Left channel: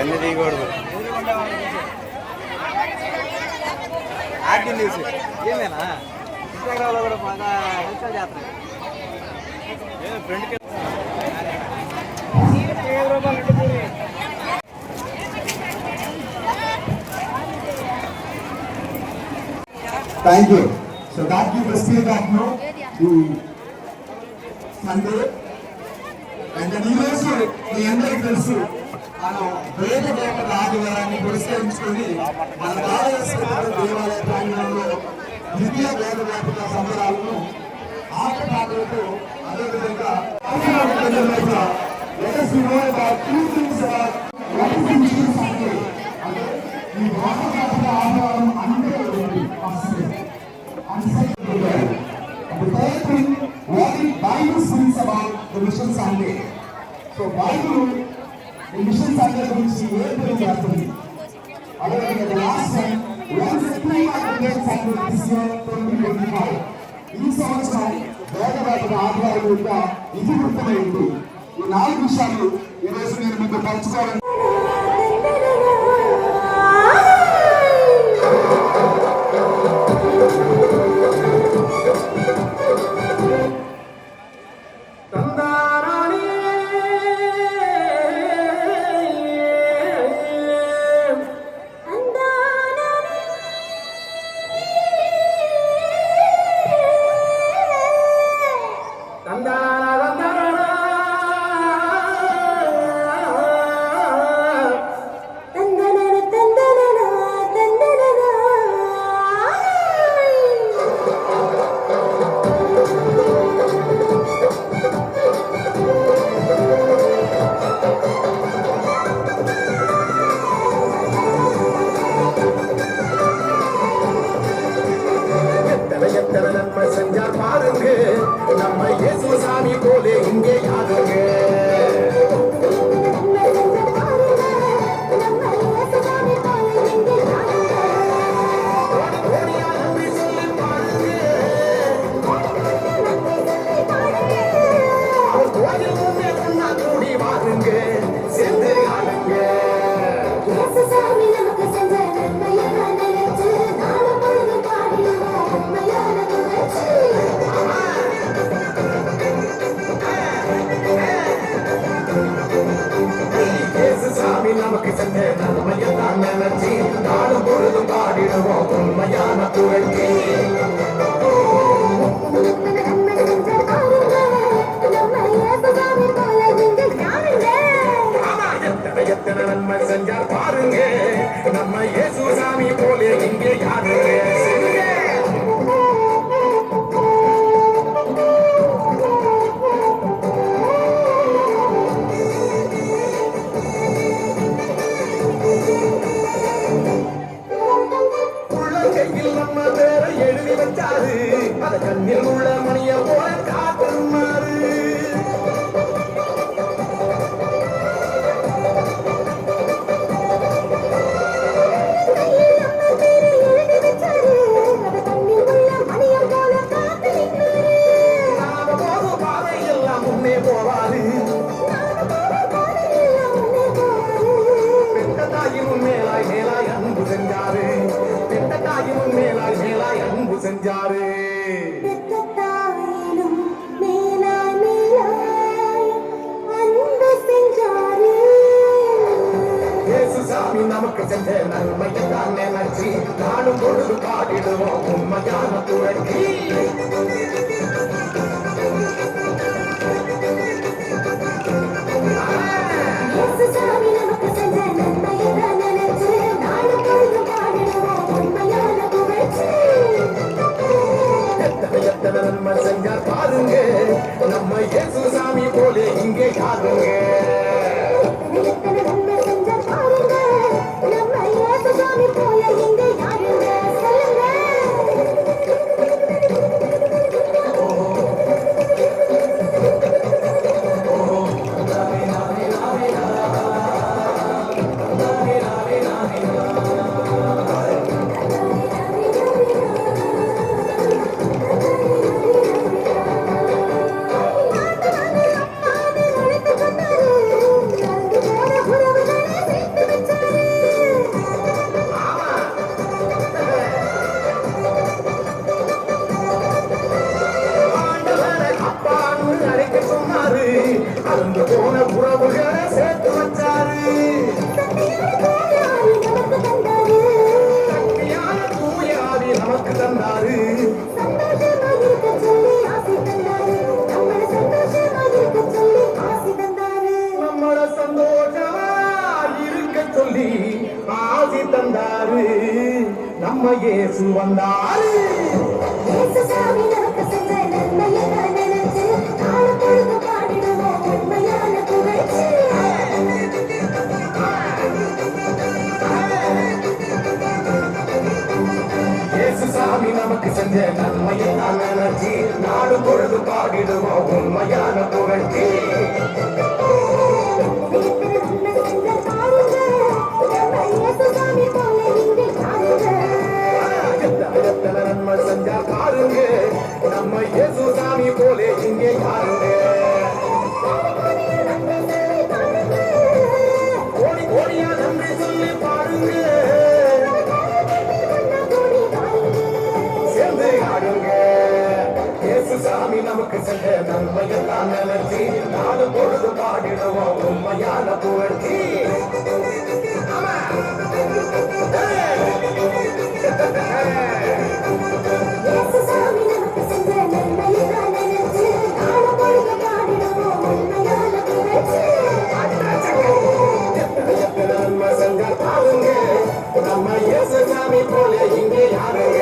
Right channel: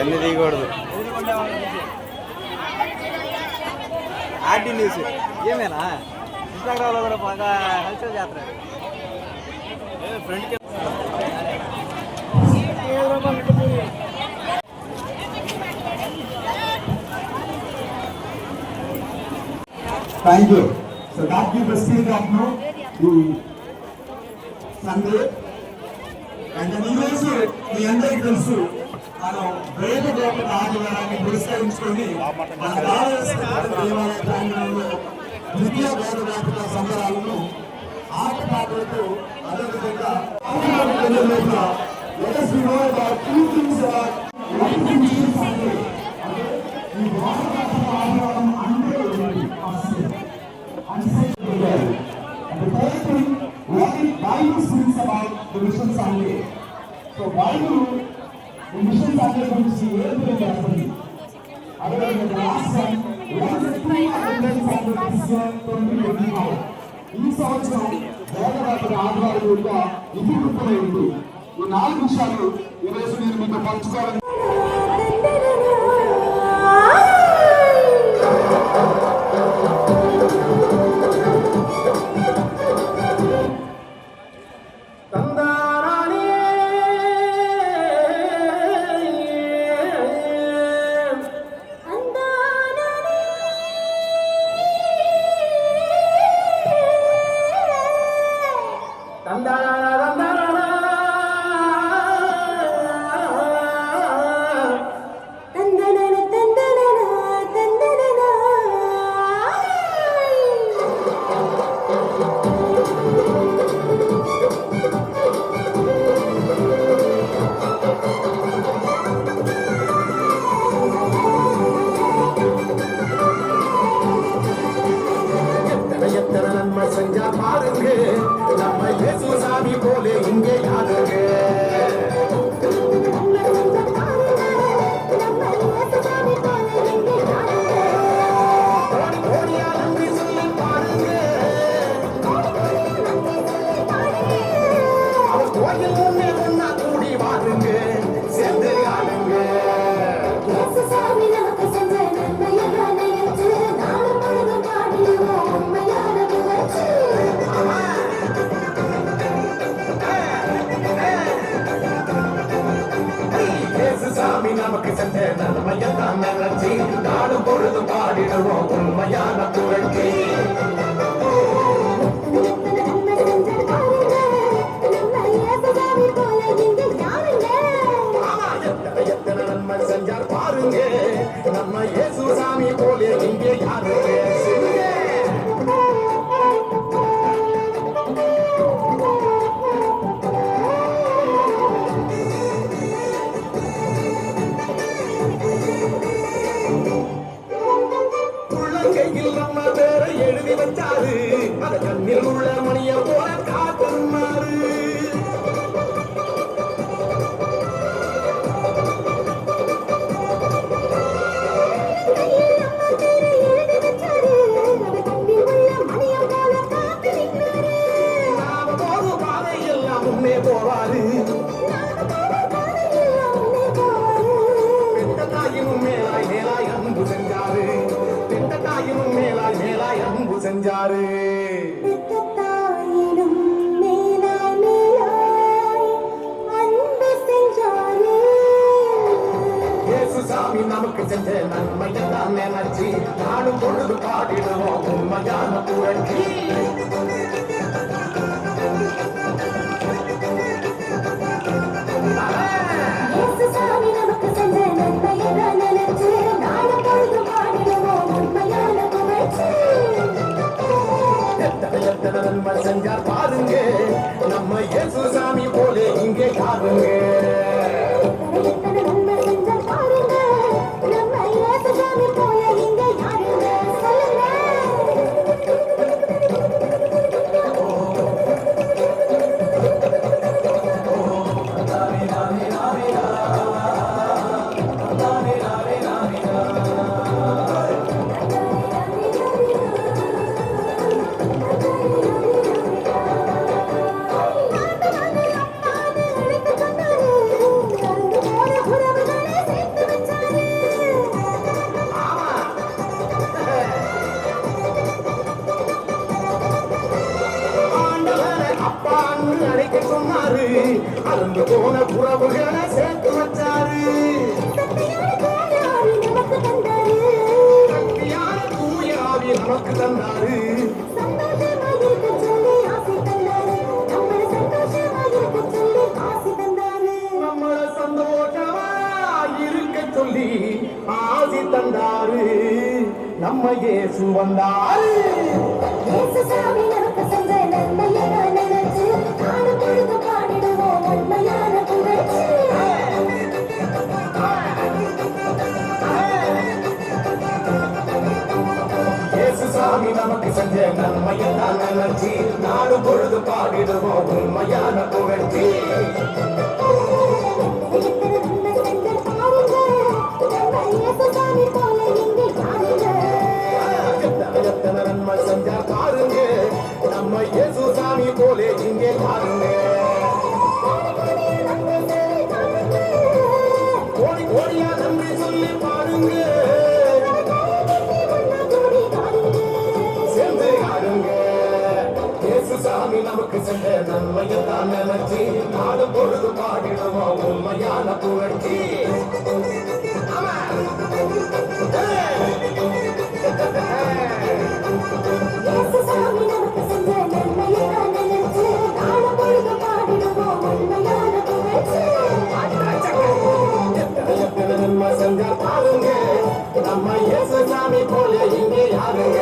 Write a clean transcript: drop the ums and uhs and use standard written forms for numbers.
ఎన్ని తీయకూడదు RT news ఏమేనా ఇన్స్టాగ్రామ్లో కూడా బాగా ఇన్స్టాల్ చేస్తున్నాను ఫ్రెండ్కి Thank you. So that gives us still that no Sunday. And then you also the under తెలుసు మనం వేద దేవత ఆదివారాన్ని పురస్కరించుకొని మన భారతదేశ దేవాలయ ప్రాంగణంలో ద్వితీయ వేద దేవతల సంబరాలను ఆటపాటలతో అదేవిధంగా let us know about two things about what is the news Sunday. ఈ భారతదేశ ఆదివారం అందరూ and the third thing, what the Bible says about the Mission Sunday. So Bible, the Mission Sunday which we able to happen. However, the last time, once the two Mission Sunday this year 2025. ఈ సంవత్సరం వేదవాకుల ఆదివారం యొక్క ఇతివృత్తమైంది. ఈ 4 విషయాలు ఈరోజు నేను మీతో పంచుకోవాలని பாருங்க நம்ம இயேசு சாமி பாருங்க. எத்தனை நன்மை செஞ்ச பாருங்க நம்ம இயேசுசாமி போல இங்க யாருங்க சொல்லுங்க. ஆண்டவரை அப்பான்னு அழைக்க சொன்னாரு. அருந்து போன உறவுகளை சேர்த்து வச்சாரு. சக்தியான தூய ஆவி நமக்கு தந்தாரு. நம்மள சந்தோஷமா இருக்க சொல்லி ஆசி தந்தாரு. நம்ம இயேசு வந்தாரு. இயேசு சாமி நமக்கு செஞ்ச நன்மையெல்லாம் நினைச்சு நாடு பொழுது பாடிடுவோம் உண்மையான புகழ்ச்சி. எத்தனை நன்மை செஞ்சா பாருங்க நம்ம இயேசு சாமி போலே இங்கே பாருங்க. கோடி கோடியா நன்றி சொல்லி பாருங்க. சேர்ந்து ஆடுங்க. இயேசு சாமி நமக்கு செஞ்ச நன்மையெல்லாம் நினைச்சு நாடு பொழுது பாடிடுவோம் உண்மையான புகழ்ச்சி. எத்தனை நன்மை செஞ்சா பாருங்க நம்ம இயேசு சாமி போல இங்கே யாருங்க